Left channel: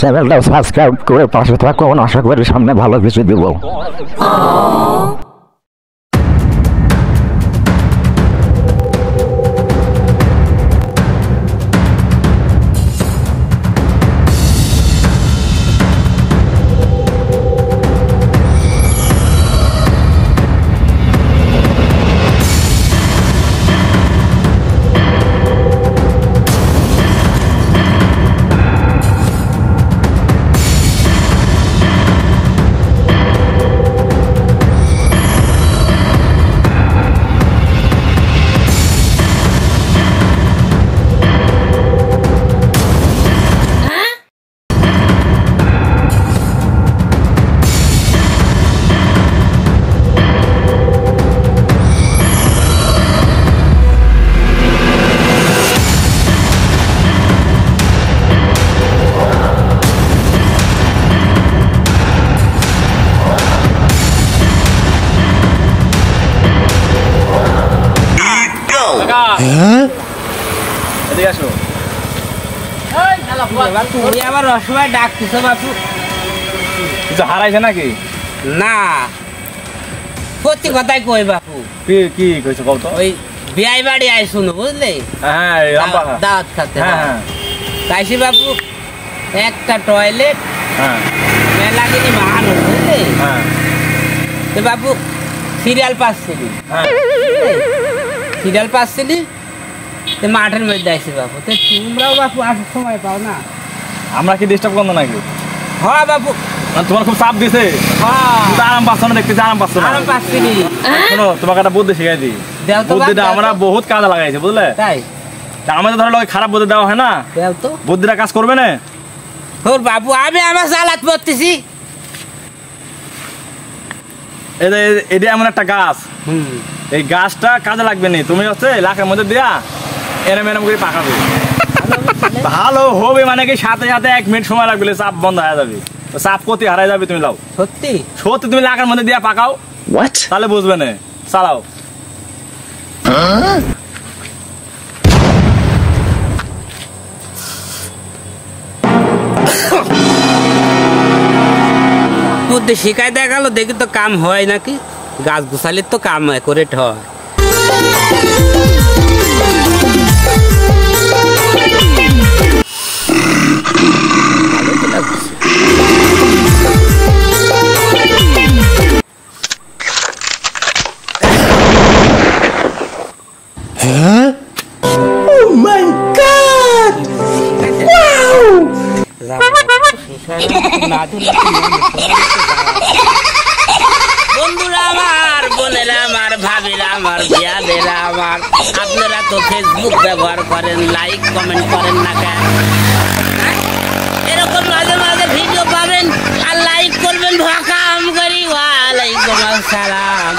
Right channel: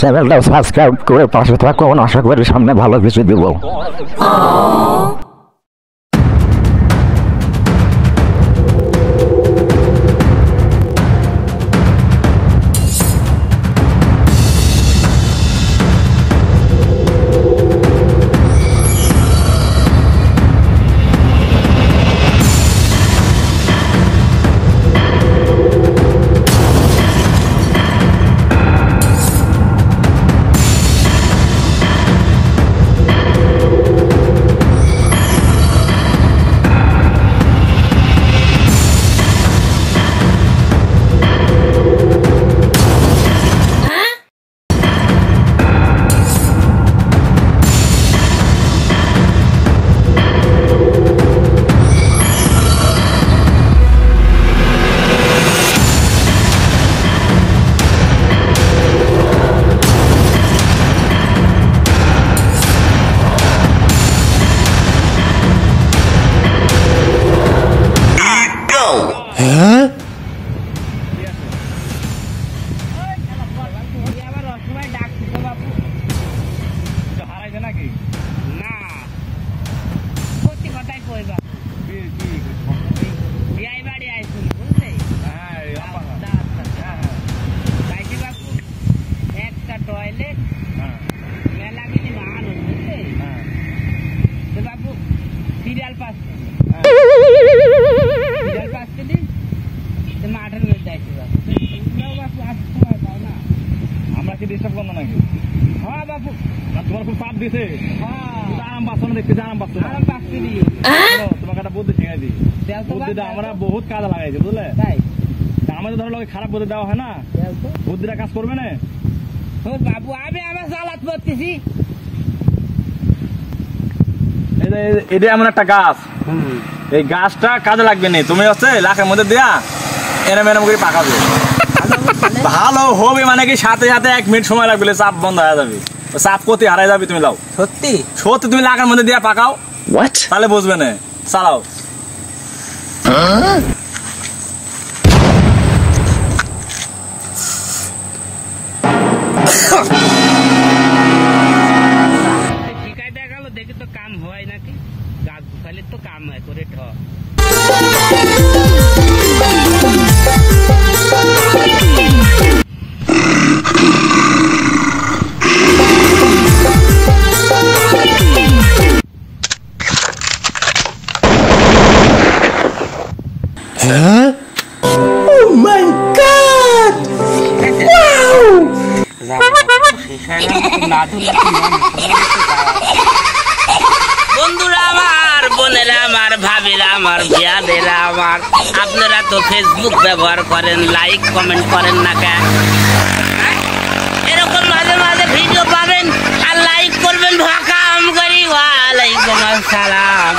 চ্যানেলটা সাবস্ক্রাইব করে পাশে থাকুন, আশা করি সামনে ভালো কিছু দিব। হারাইছে নাকি? না, প্রতি কথাই কই বাপু। কি কইছো বলতো? ওই বিয়াই বাড়ি আইসুন বুঝলে, দাওয়াত খাতে। তাইছি বাপু, একটা টয়লেট, মেলা কিনি মানুষ বুঝলে। তো বাপু সিরিয়াল পাচ্ছিলি, মাঠের মধ্যে আইসি বাপু। তো তোমরাও বাপু আসার সময় পাও না? আমরা কি ডিস্টার্ব করবো নাকি? হ্যাঁ বাপু, তোমার খুব চাপ দিছে। আরাম পাচ্ছ না, দেখতেছি আরাম পাচ্ছ না। আরাম পাচ্ছিলি। তোমাকে একটা বুদ্ধি শিখাই দিই। বুদ্ধিটা আমরা বহুত কাজে লাগাইছি বুঝলে। তাই আমাদের ধরো খারাপ বুদ্ধি দেওয়া হয় না, বুদ্ধিটা কাজ করবে না। তোর বাবু আমি আমার চালাত করতেছি। এটা এমন একটা গাছ, এই গাছটা কাজে লাগবে না। তুমি হচ্ছে লাখের মধ্যে দিয়া এরম এরম করে পাকাবে, ভালো হবে। মানে কি সাথে সাথে 1 মিনিট সময় লাগবে, চাপ বন্ধ হয়ে যাবে, চাপ কতি হারাই যাবে। তুমি লাও, সত্যি সত্যি তুমি লাখের মধ্যে দিয়া পাকাও, তাহলে বুঝবে না। চালাও। শিখাই দেখা গেল, দেখি তো কাম হয় নাকি। গাছ গুছালির তো কাম করে হয়। বন্ধুরা আমার, বোনেরা আমার, ভাবিরা আমার, বিয়াদেরা আমার, আপনারা তো ফেসবুক ব্যবহার করেন, লাইক কমেন্ট করেন না কেন? এরকম মাঝে মাঝে ভিডিও পাবেন আর লাইক করবেন। ভাকাম করি, ওয়ালাইকুম আসসালাম।